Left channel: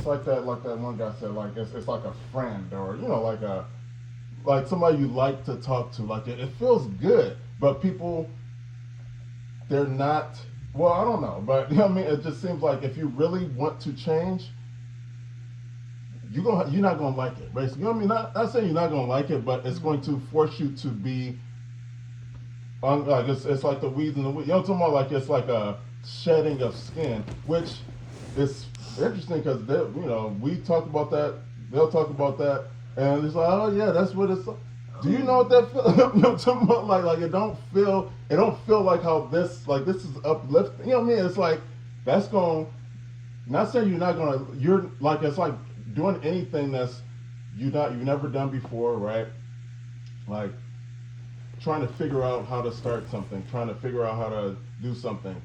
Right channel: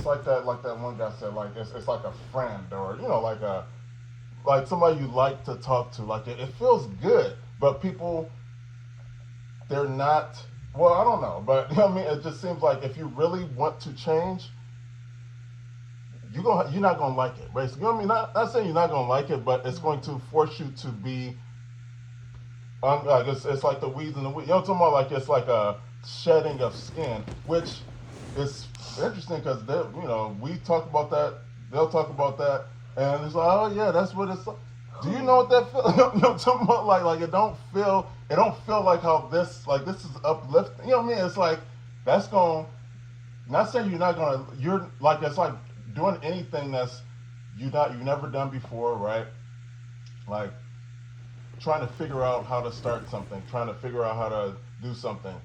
it's like that one guy said, like it's like a friend, or like somebody you like to talk to. Like it feels good, but people, they're not. Well, I don't know, but what I mean. It just seems like if you really want to change, you're not gonna like it. Basically, you know what I mean. Not saying you're not gonna like it, but it's going to force you to be. Like it's like the weeds in the wheat. You know what I'm talking about? Like it's like a shedding of skin, which is interesting because we talk about that. They'll talk about that, and it's like, oh yeah, that's what it's. Do you know what that feels? You know what I'm talking about? Like it don't feel like how this is uplifting. You know what I mean? It's like that's going. Not saying you're not gonna. You're like it's like doing anything that's you've never done before, right? Like trying to figure out how to start something, trying to figure out how to do something.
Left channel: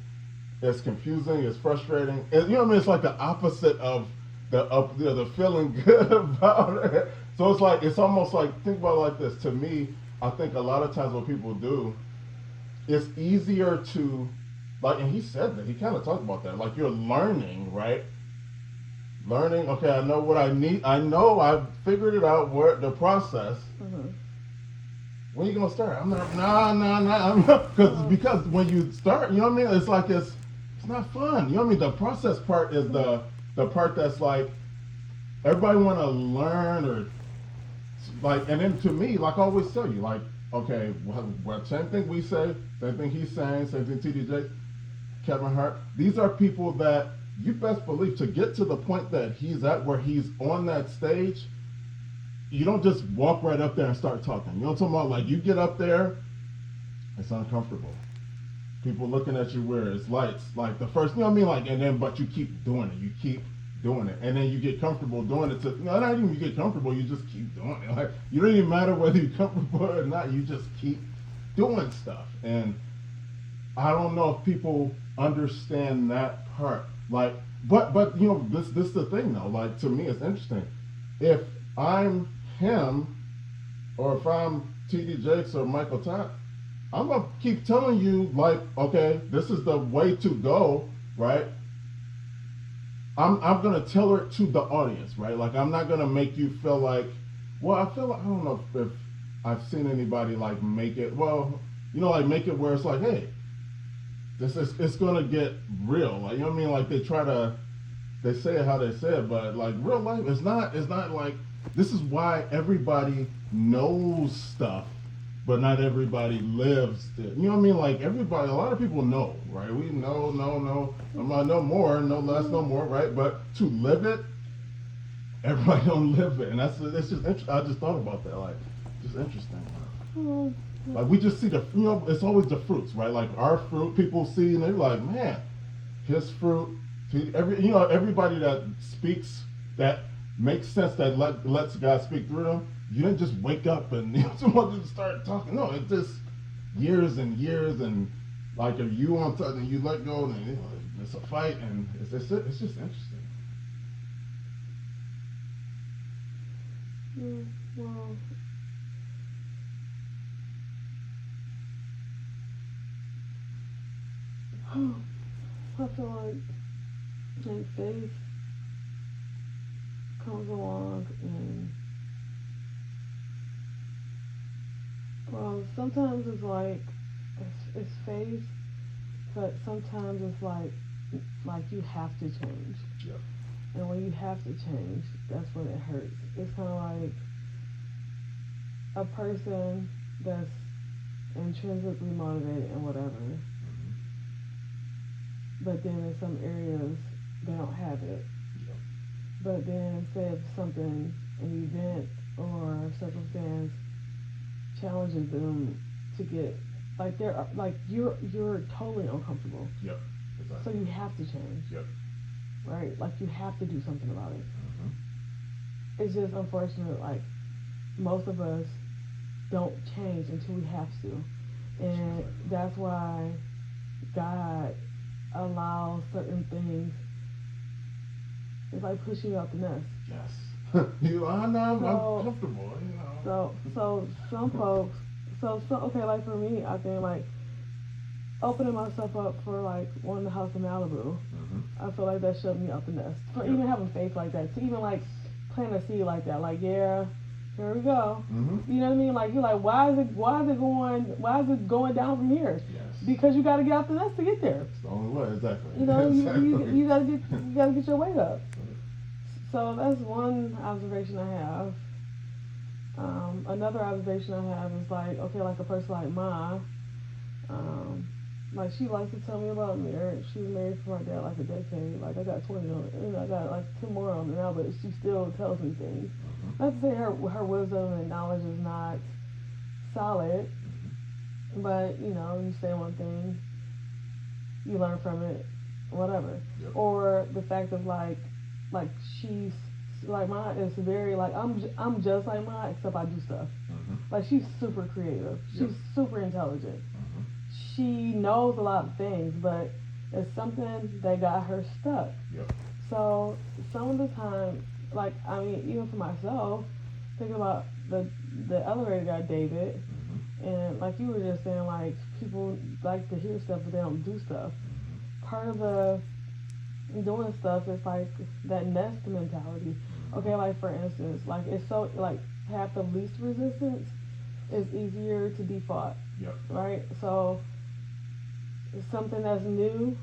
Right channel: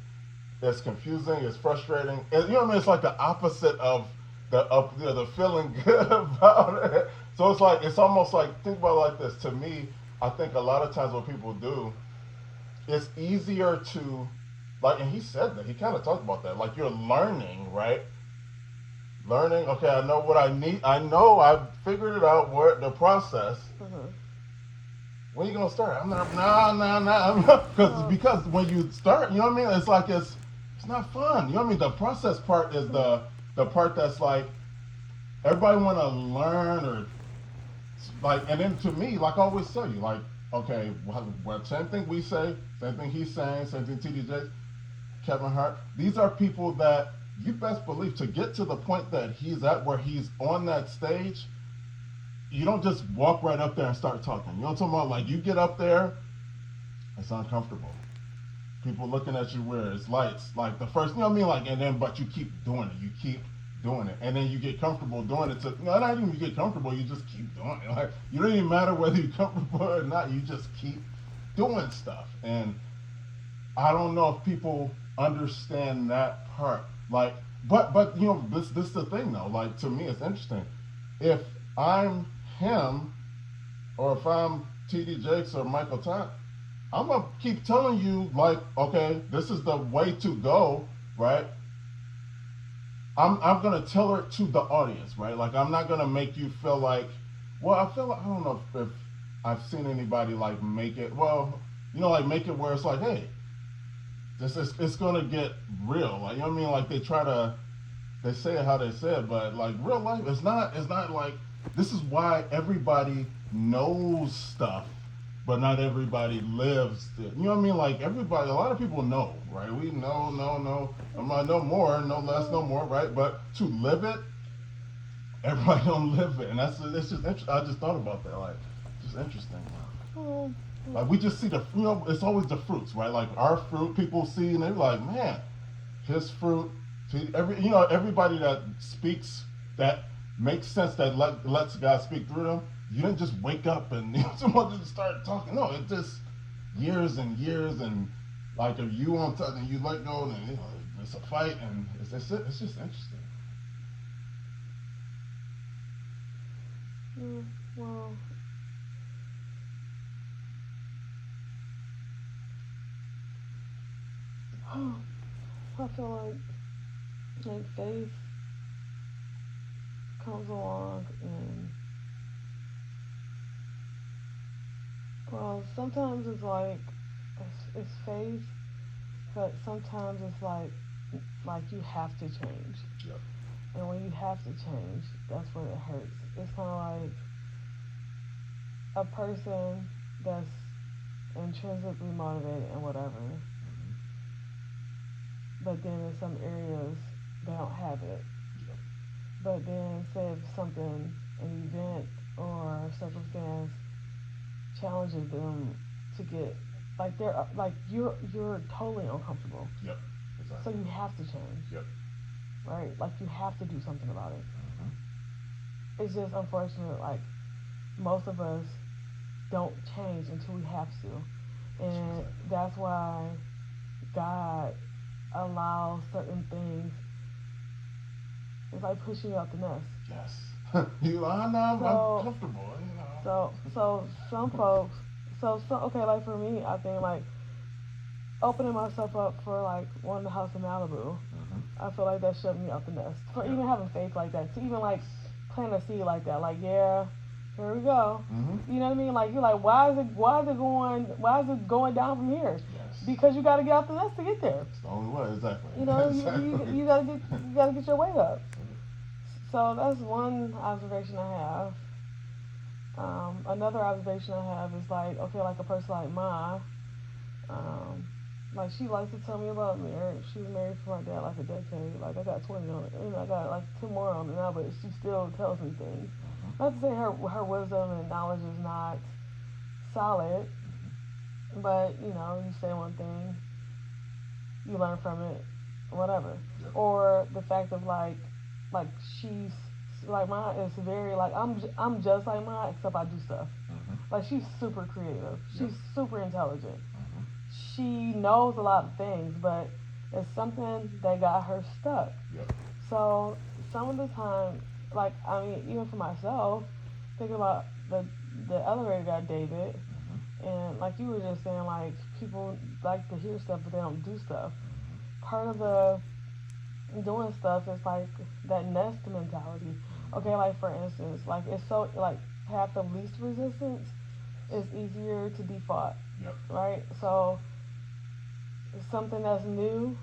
It's confusing, it's frustrating. You know what I mean? It's like the opposite of the feeling good about it. So it's like it's almost like think about it like this. To me, I think a lot of times what people do, it's easier to like, and he said that he kind of talked about that. Like you're learning, right? Learning. Okay, I know what I need. I know I've figured it out. Where the process. Mm-hmm. When are you gonna start? I'm not. Nah. I'm not because when you start, you know what I mean. It's like it's not fun. You know what I mean. The process part is the part that's like everybody want to learn or like. And then to me, like I always tell you, like okay, what same thing we say, same thing he's saying, same thing TDJ, Kevin Hart. These are people that you best believe to get to the point that he's at where he's on that stage you don't just walk right up there and start talking. You know what I'm talking about? Like you get up there, it's uncomfortable. People looking at you weird. It's lights. Like the first, you know what I mean? Like and then, but you keep doing it. You keep doing it, and then you get comfortable doing it. Not even you get comfortable. You just keep doing it. Like you don't even matter whether you're comfortable or not. You just keep doing stuff. And I don't know if people understand that part. Like, but this is the thing though. Like to me, it's interesting. If I'm him, or if I'm TD Jakes or Michael Todd, I'm gonna keep telling you like, okay, this is the way to go, right? I'm gonna tell it to the audience, right? Like I'm not gonna make you feel like, well, I feel like I don't know if I've seen anybody like make it, well, like make it where it's like, hey, this is it's gonna get real, like you know what I mean? Like they say it how they say it, but like real life, it's not like this is why everybody knows stuff, but not everybody lives it. You know what I mean? Like everybody, a lot of people know, right? We know, no more, no less, no more, right? But to live it, everybody don't live it, and it's just I just thought about that, like just interesting. Like we just see it's always the fruits, right? Like our fruit, people see, and they're like, man, his fruit. Everybody that speaks that makes sense that lets God speak through them. You didn't just wake up and someone just start talking. No, it's just years and years and like if you on something and you let go and it's a fight and it's just interesting. Well, I feel like faith comes along and well sometimes it's like it's faith, but sometimes it's like you have to change, Yeah. and when you have to change, that's when it hurts. It's kind of like a person that's intrinsically motivated and whatever, but then in some areas they don't have it. But then say if something, an event or circumstance challenges them to get like they're like you're totally uncomfortable. Yep. So Exactly. you have to change. Yep. Right? Like you have to do something about it. It's just unfortunate like most of us don't change until we have to. And that's why God allows certain things. It's like pushing you out the nest. Yes. I know. I'm comfortable. So some folks. So okay, like for me, I think like opening myself up for like wanting a house in Malibu. I feel like that shut me out the nest. For Yep. even having faith like that, to even like plant a seed like that, like yeah, here we go. You know what I mean? Like you're like, why is it going down from here? Yes. Because you got to get out the nest to get there. It's the only way, exactly. You know, Exactly. you gotta get your weight up. So that's one observation I have. Another observation I have is like, okay, like a person like Ma, like she likes to tell me about marriage. She was married for my dad like a decade. Like I got 20 on it. You know, I got like 10 more on it now, but she still tells me things. Not to say her wisdom and knowledge is not solid, but you know, you say one thing, you learn from it, whatever. Yep. Or the fact of like she's like mine is very like I'm just like mine except I do stuff. Like she's super creative. She's super intelligent. She knows a lot of things, but it's something that got her stuck. Yep. So some of the time, like I mean, even for myself, thinking about the elevator guy David, and like you were just saying, like people like to hear stuff, but they don't do stuff. Part of the doing stuff is like that nest mentality. Okay, like for instance, like it's so like path of least resistance is easier to be fought. Yep. Right? So something that's new,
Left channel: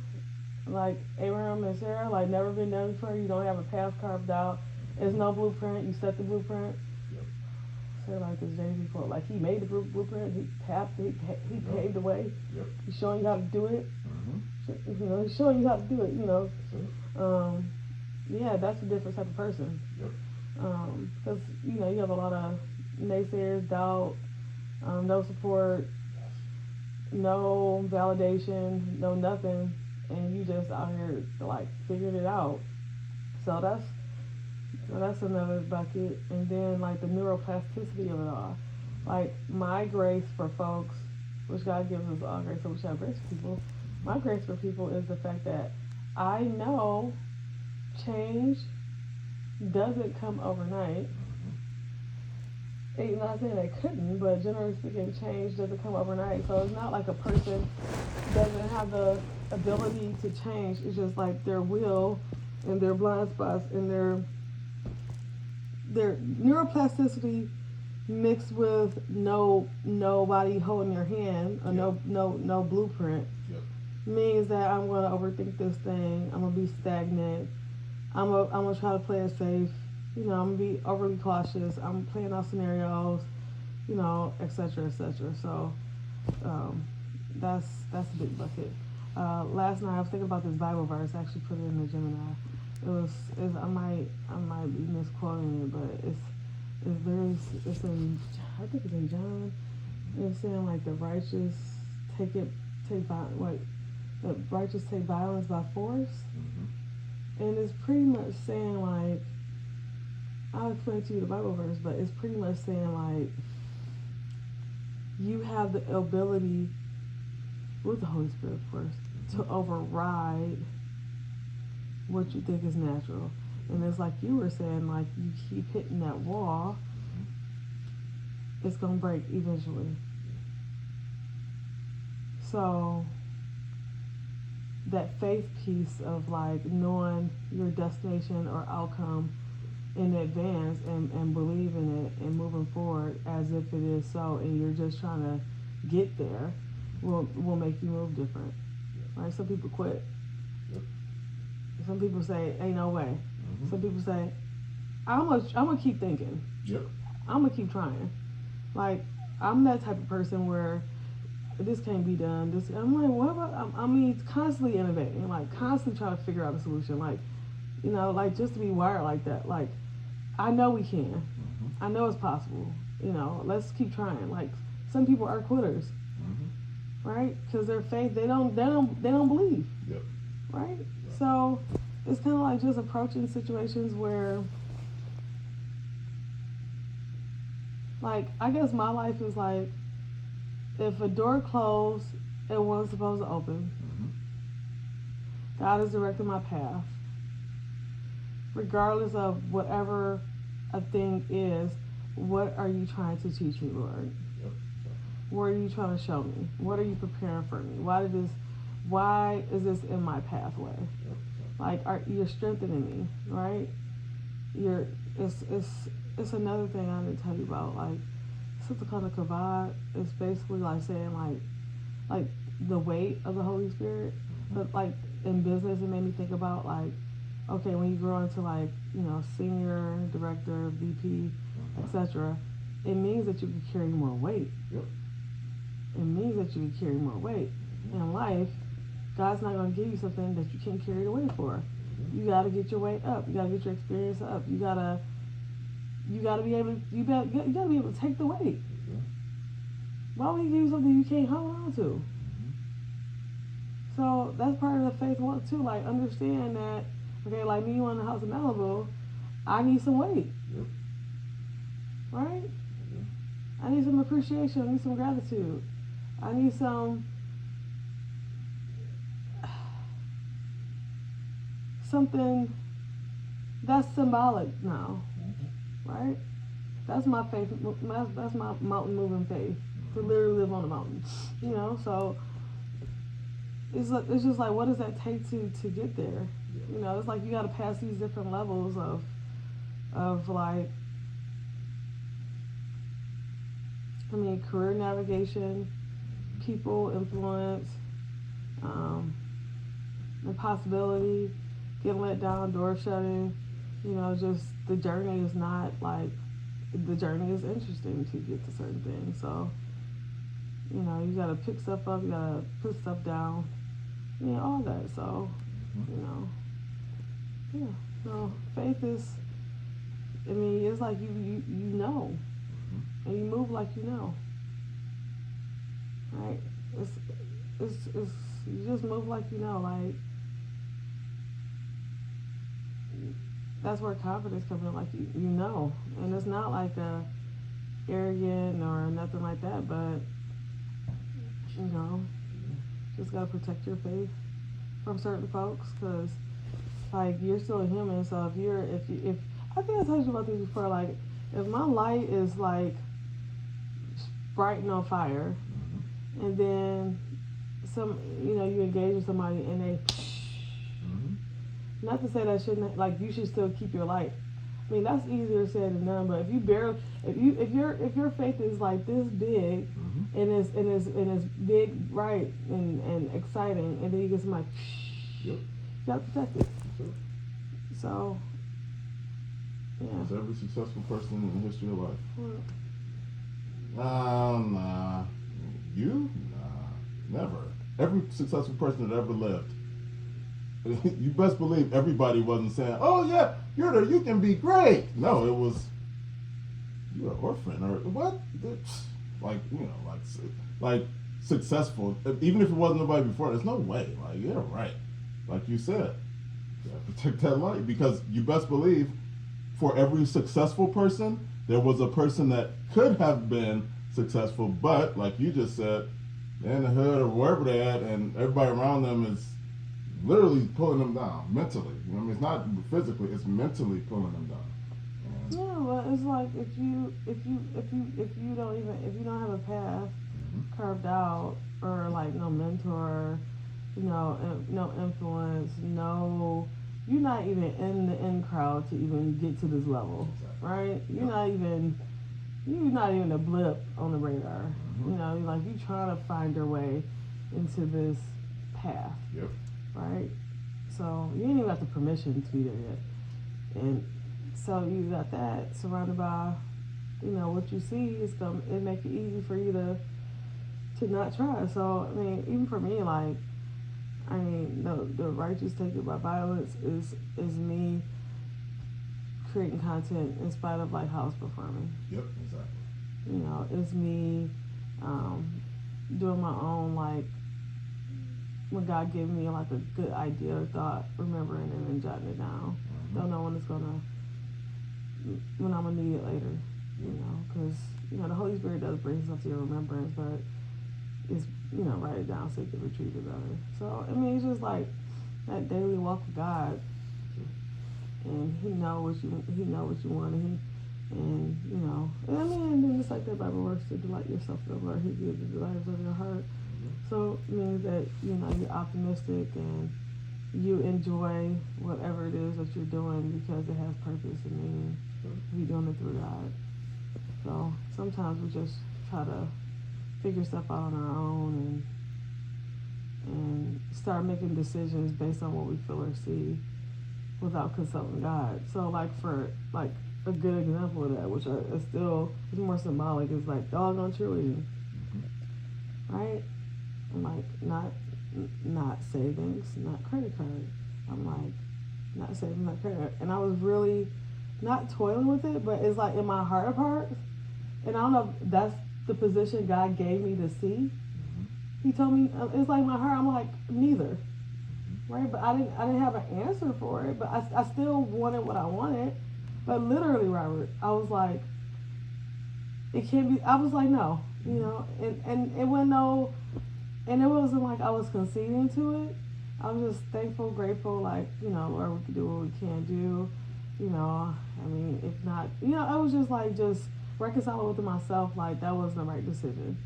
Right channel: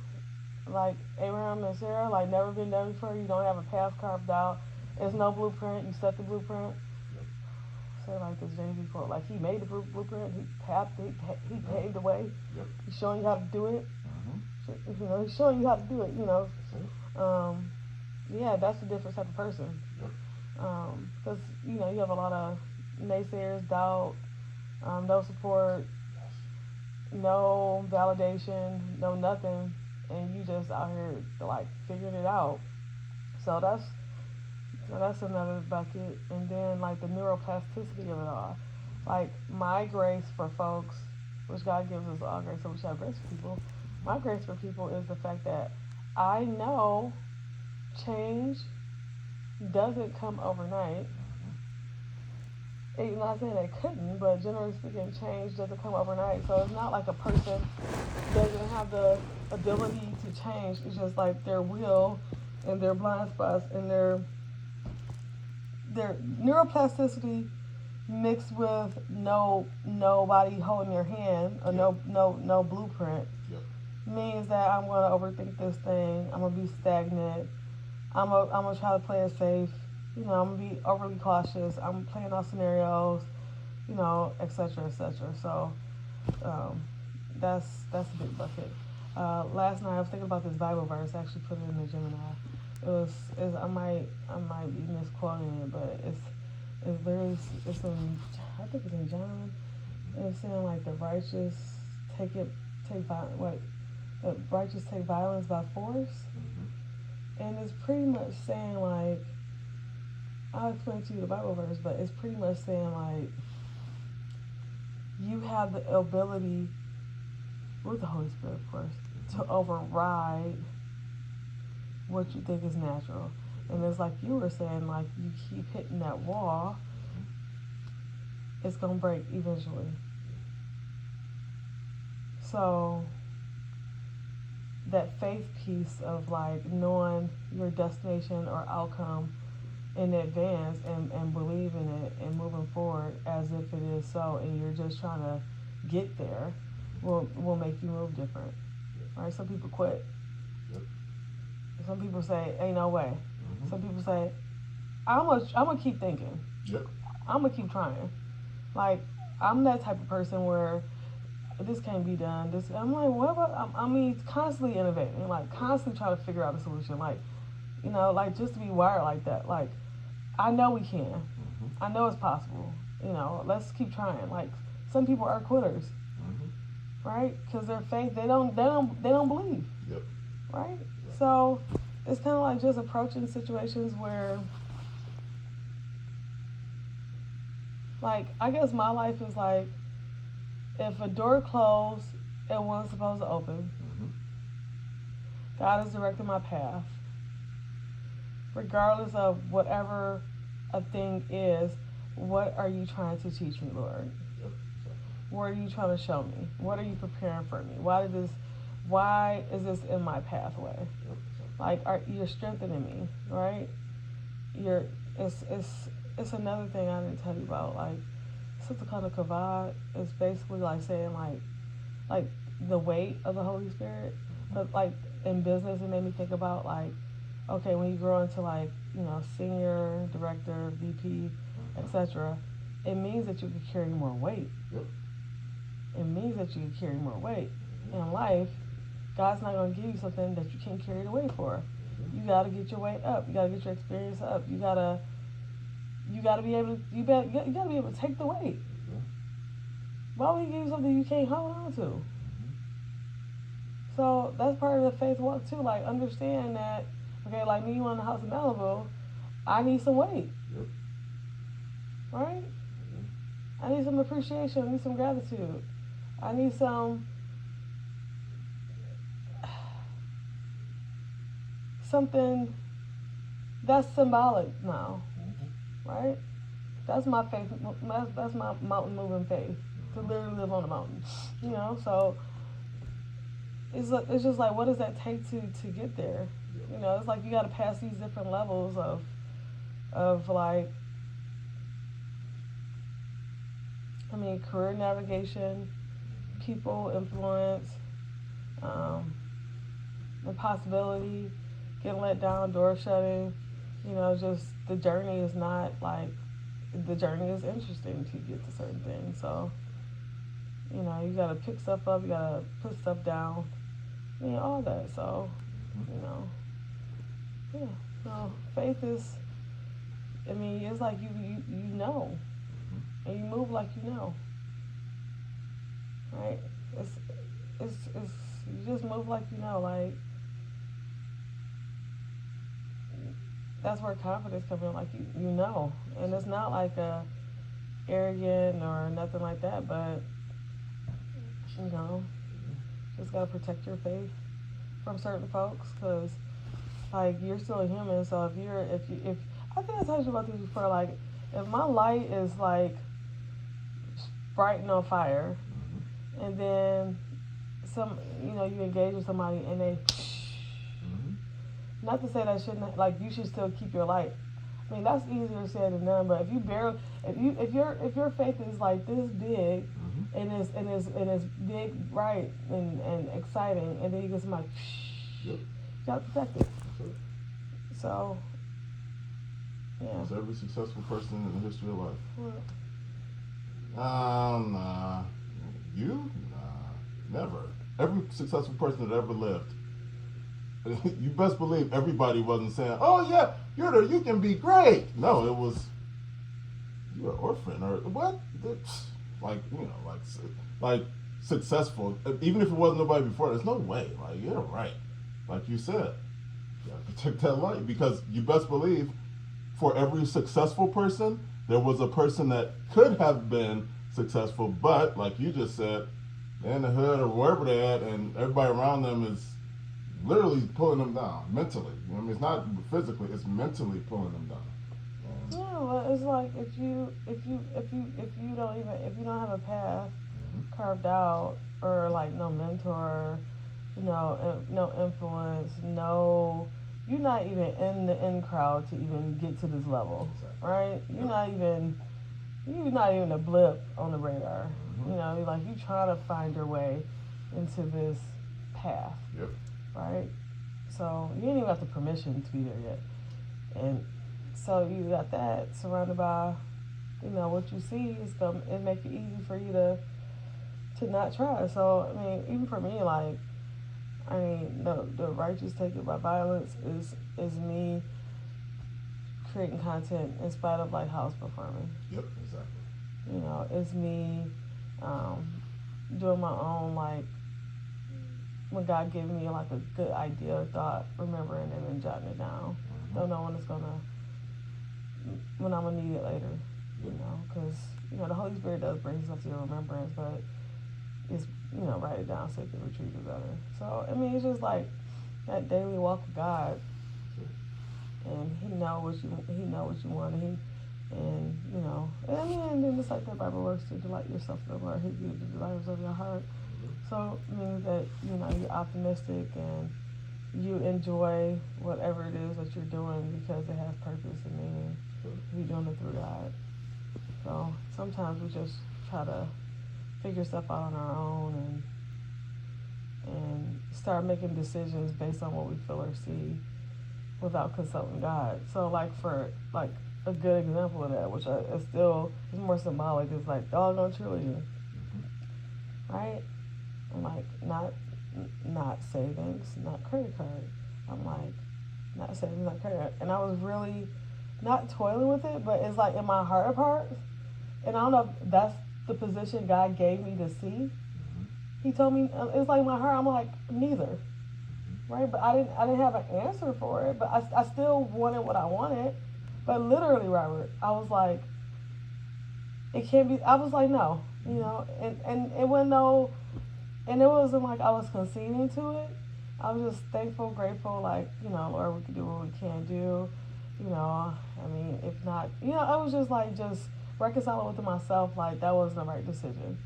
like Abraham and Sarah, like never been done before, you don't have a path carved out. There's no blueprint, you set the blueprint. Yep. Say like this Jay-Z quote, like he made the blueprint, he paved the way. Yep. He's showing you how to do it. You know, he's showing you how to do it, you know. Yeah, that's a different type of person. Yep. Because, you know, you have a lot of naysayers, doubt, no support, no validation, no nothing, and you just out here like figuring it out. So that's another bucket. And then like the neuroplasticity of it all. Like my grace for folks, which God gives us all grace, so we should have grace for people. My grace for people is the fact that I know change doesn't come overnight. I'm not saying it couldn't, but generally speaking, change doesn't come overnight. So it's not like a person doesn't have the ability to change. It's just like their will and their blind spots and their neuroplasticity mixed with nobody holding your hand or no blueprint. Yep. Means that I'm gonna overthink this thing. I'm gonna be stagnant. I'm gonna try to play it safe. You know, I'm gonna be overly cautious. I'm playing out scenarios. You know, etc. etc. So that's a big bucket. Last night I was thinking about this Bible verse. I actually put it in the Gemini. I might be misquoting it, but it's in, I think it's in John. And it's saying like the righteous the righteous take violence by force. And it's pretty much saying like, I'll explain to you the Bible verse, but it's pretty much saying like, you have the ability, with the Holy Spirit of course, to override what you think is natural. And it's like you were saying, like you keep hitting that wall, it's gonna break eventually. So that faith piece of like knowing your destination or outcome in advance and believing it and moving forward as if it is so, and you're just trying to get there, will make you move different. Right? Some people quit. Some people say, ain't no way. Some people say, I'm gonna keep thinking. I'm gonna keep trying. Like, I'm that type of person where this can't be done. I'm like, what about? I mean, constantly innovating, like constantly trying to figure out a solution. Like, you know, like just to be wired like that. Like, I know we can. I know it's possible. You know, let's keep trying. Like, some people are quitters, right? Because their faith, they don't believe, right? So it's kind of like just approaching situations where, like, I guess my life is like, if a door closed, it wasn't supposed to open. God has directed my path. Regardless of whatever a thing is, what are you trying to teach me, Lord? What are you trying to show me? What are you preparing for me? Why is this in my pathway? Like, you're strengthening me, right? You're it's another thing I didn't tell you about. Like, Sitakana Kavad is basically like saying like the weight of the Holy Spirit. But like in business, it made me think about like, okay, when you grow into like, senior director, VP, etc., it means that you can carry more weight. Yep. It means that you can carry more weight. In life, God's not going to give you something that you can't carry the weight for. You got to get your weight up. You got to get your experience up. You got to be able to, you got to be able to take the weight. Why would he give you something you can't hold on to? So that's part of the faith walk too. Like, understand that, okay, like me on the house in Malibu, I need some weight. Yep. Right? I need some appreciation. I need some gratitude. I need something that's symbolic now. Right? That's my faith. That's my mountain moving faith. To literally live on a mountain. So it's just like, what does that take to get there? It's like you got to pass these different levels of like, career navigation, people influence, impossibility, getting let down, door shutting. Just the journey is not like, the journey is interesting to get to certain things. So, you gotta pick stuff up, you gotta put stuff down, all that. So, yeah. So faith is, it's like you know, and you move like you know, right? It's you just move like you know, like that's where confidence comes in, like you know, and it's not like a arrogant or nothing like that, but just gotta protect your faith from certain folks, because like you're still a human. So if I think I told you about this before, like if my light is like bright and on fire, and then you engage with somebody and they, not to say that shouldn't, like, you should still keep your light. That's easier said than done. But if your faith is like this big, and it's big, right, and exciting, and then you get somebody, you gotta protect it. So, yeah. It's every successful person in the history of life. Well, You? Never. Every successful person that ever lived. You best believe everybody wasn't saying, "Oh yeah, you can be great." No, it was, you're an orphan or what? Like successful. Even if it wasn't nobody before, there's no way. Like, you're right. Like you said, you have to protect that light, because you best believe, for every successful person, there was a person that could have been successful, but like you just said, they're in the hood or wherever they're at, and everybody around them is literally pulling them down mentally. It's not physically; it's mentally pulling them down. Yeah, well, it's like if you don't have a path carved out, or like no mentor, no influence, you're not even in the in crowd to even get to this level, right? You're not even a blip on the radar. You're like, you're trying to find your way into this path. Yep. Right? So you ain't even got the permission to be there yet. And so you got that surrounded by, what you see is it make it easy for you to not try. So even for me, like, the righteous take it by violence is me creating content in spite of like house performing. Yep, exactly. It's me doing my own, like, when God gave me like a good idea or thought, remembering it and jotting it down. Don't know when I'm gonna need it later, because the Holy Spirit does bring stuff to your remembrance, but it's write it down so you can retrieve it better. So it's just like that daily walk with God, and He know what you want, and and then it's like the Bible works, to delight yourself in the Lord, He gives the desires of your heart. So it means that you're optimistic, and you enjoy whatever it is that you're doing because it has purpose and meaning. You're doing it through God. So sometimes we just try to figure stuff out on our own and start making decisions based on what we feel or see without consulting God. So for a good example of that, which is still is more symbolic, is like doggone cheerleading, right? And not savings, not credit card. I'm like not saving my credit card, and I was really not toiling with it, but it's like in my heart of hearts, and I don't know if that's the position God gave me to see. He told me it's like my heart. I'm like neither, right? But I didn't have an answer for it. But I still wanted what I wanted. But literally, Robert, I was like, it can't be. I was like, no, and it wasn't no, and it wasn't like I was conceding to it. I was just thankful, grateful, like Lord, we can do what we can do. I mean, if not, I was just reconciling with myself, like that wasn't the right decision.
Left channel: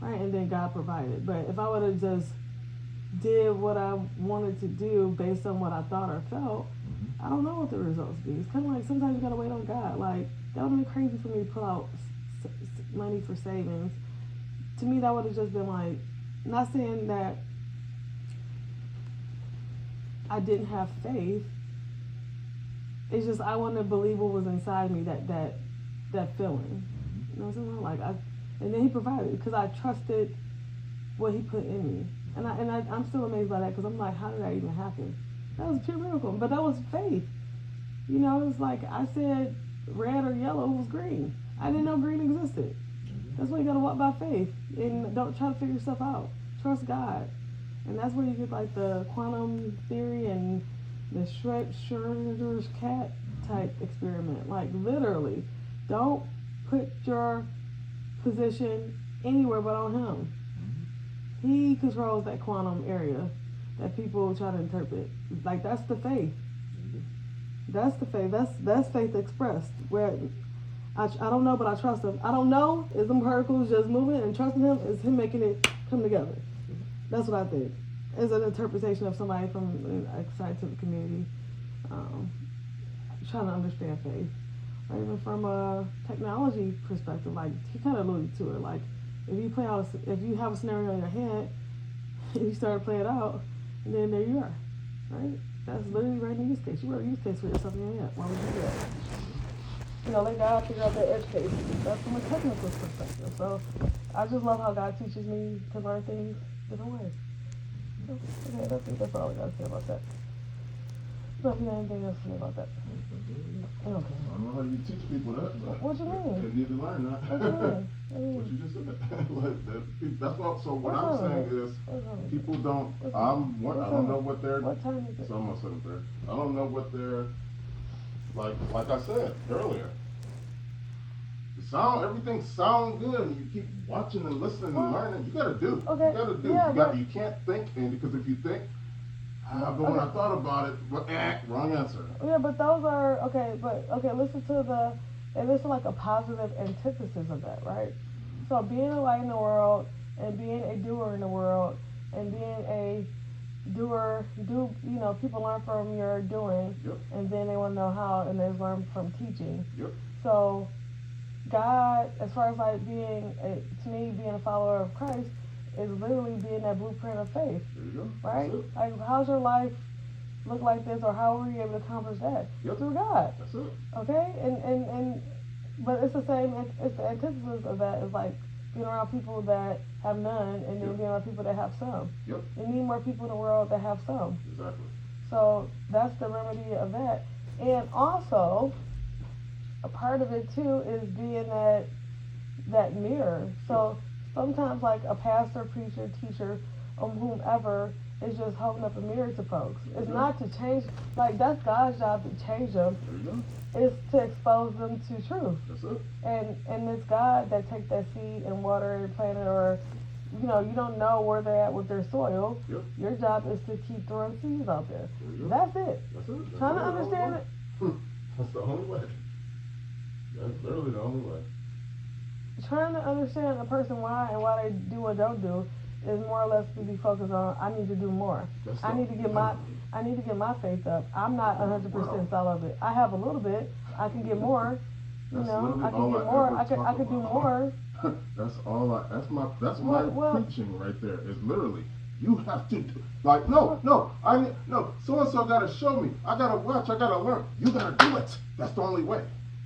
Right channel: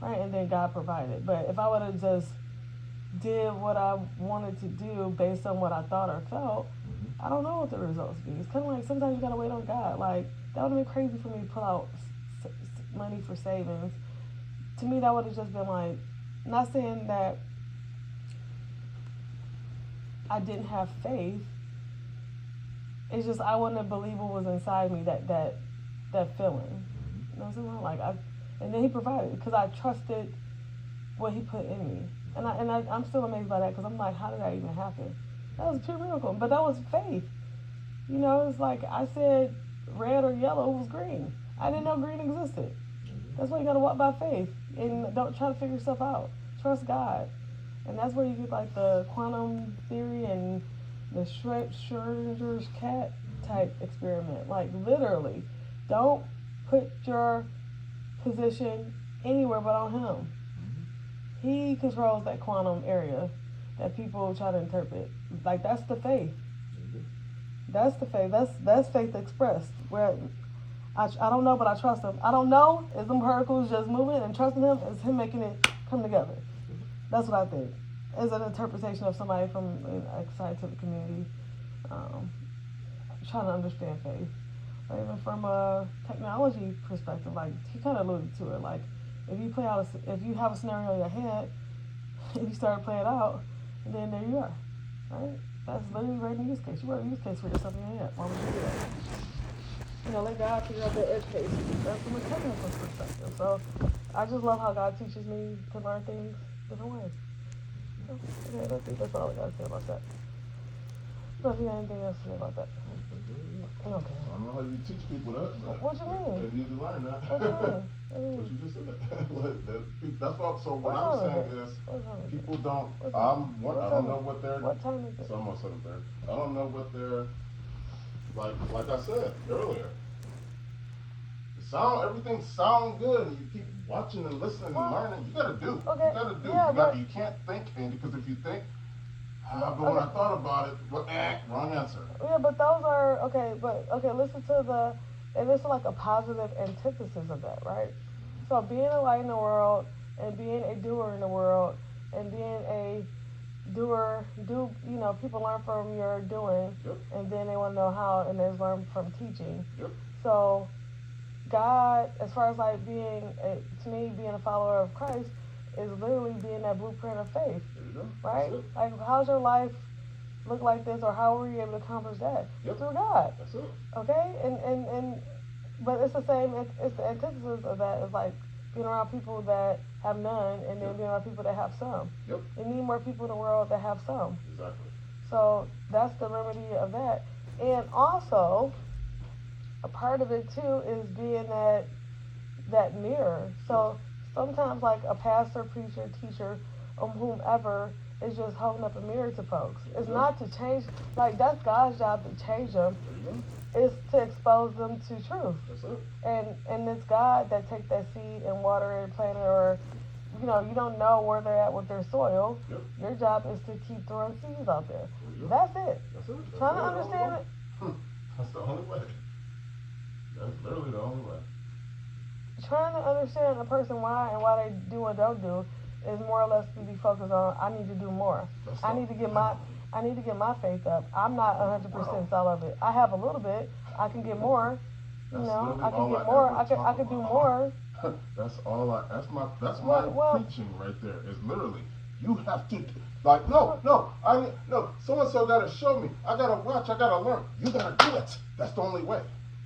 Right, and then God provided. But if I would have just did what I wanted to do based on what I thought or felt, I don't know what the results be. It's kind of like sometimes you gotta wait on God. Like that would have been crazy for me to pull out money for savings. To me, that would have just been like, not saying that I didn't have faith. It's just I wanted to believe what was inside me, that feeling. You know what I'm saying? And then He provided because I trusted what He put in me, and I'm still amazed by that because I'm like, how did that even happen? That was a pure miracle, but that was faith. It's like I said, red or yellow was green. I didn't know green existed. That's why you gotta walk by faith and don't try to figure stuff out. Trust God, and that's where you get like the quantum theory and the Schrödinger's cat type experiment. Like literally, don't put your position anywhere but on Him. He controls that quantum area that people try to interpret. Like that's the faith. That's the faith. That's faith expressed. Where I don't know, but I trust Him. I don't know is them particles just moving, and trusting Him is Him making it come together. That's what I think. As an interpretation of somebody from a scientific community, trying to understand faith. Or even from a technology perspective, like he kind of alluded to it. Like if you have a scenario in your head, and you start to play it out, and then there you are, right? That's literally right in the use case. You wrote a use case for yourself in your head. Why would you do that? Let God figure out the edge case. That's from a technical perspective. So I just love how God teaches me to learn things different ways. Okay, that's all I got to say about that. So if you have anything else to say about that. Okay. I don't know how you teach people that. What you mean? They need to learn that. What you mean? What you just said. That's what. So what What's I'm saying is, people don't. I don't know what they're. What time is it? It's almost 7:30. I don't know what they're. Like I said earlier. Everything sounds good, and you keep watching and listening and learning. You gotta do. Okay. You gotta do. Yeah, you can't think, and because if you think. But when I thought about it, wrong answer. Yeah, but those are okay. Listen to and this is like a positive antithesis of that, right? So being a light in the world and being a doer in the world and being a doer, people learn from your doing, and then they want to know how, and they learn from teaching. Yep. So God, as far as like being a follower of Christ, is literally being that blueprint of faith. There you go. Right? Like, how's your life look like this, or how were you able to accomplish that? Through God. That's it. Okay? And but it's the same. It's the antithesis of that. Is like being around people that have none, and then being around people that have some. Yep. You need more people in the world that have some. Exactly. So that's the remedy of that. And also, a part of it too is being that mirror. So sometimes like a pastor, preacher, teacher, whomever is just holding up a mirror to folks. It's not to change, like that's God's job to change them. It's to expose them to truth. That's it. And it's God that takes that seed and water it, plant it, or you don't know where they're at with their soil. Yep. Your job is to keep throwing seeds out there. That's it. That's it. Trying to understand it. That's the only way. That's literally the only way. Trying to understand a person why they do or don't do is more or less to be focused on. I need to do more. That's I all. need to get my I need to get my faith up. I'm not 100% all of it. I have a little bit. I can get more. You That's know, literally I can all get I more. ever I talk could do about. more. That's all I. That's my Well, preaching right there. Is literally you have to like no. So and so gotta show me. I gotta watch. I gotta learn. You gotta do it. That's the only way.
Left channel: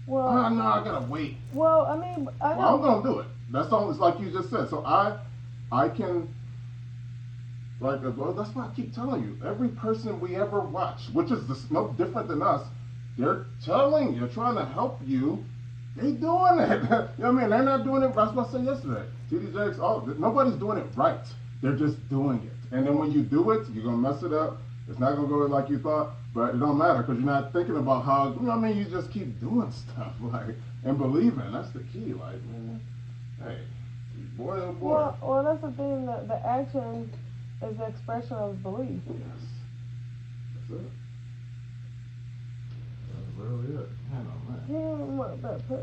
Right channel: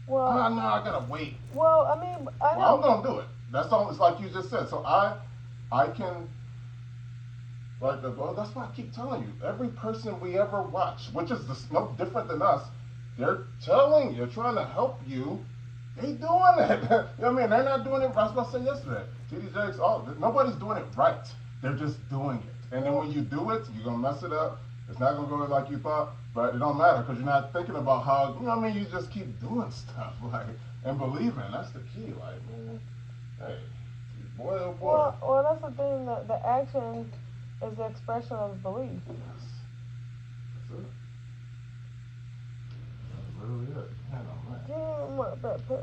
well, No, I gotta wait. well. I mean, I Well, I'm know. gonna do it. That's all. It's like you just said. So I can. Like, well, that's why I keep telling you. Every person we ever watch, which is no different than us, they're telling you, trying to help you. They doing it. You know what I mean? They're not doing it. That's what I said yesterday. TD Jakes, nobody's doing it right. They're just doing it. And then when you do it, you're gonna mess it up. It's not gonna go like you thought, but it don't matter because you're not thinking about how. You know what I mean? You just keep doing stuff, like, and believing. That's the key. Like, man, hey, boy, oh boy. Well, that's the thing. The action is the expression of belief. Yes. That's it. That's really it. Man, oh, man. Damn, what that put.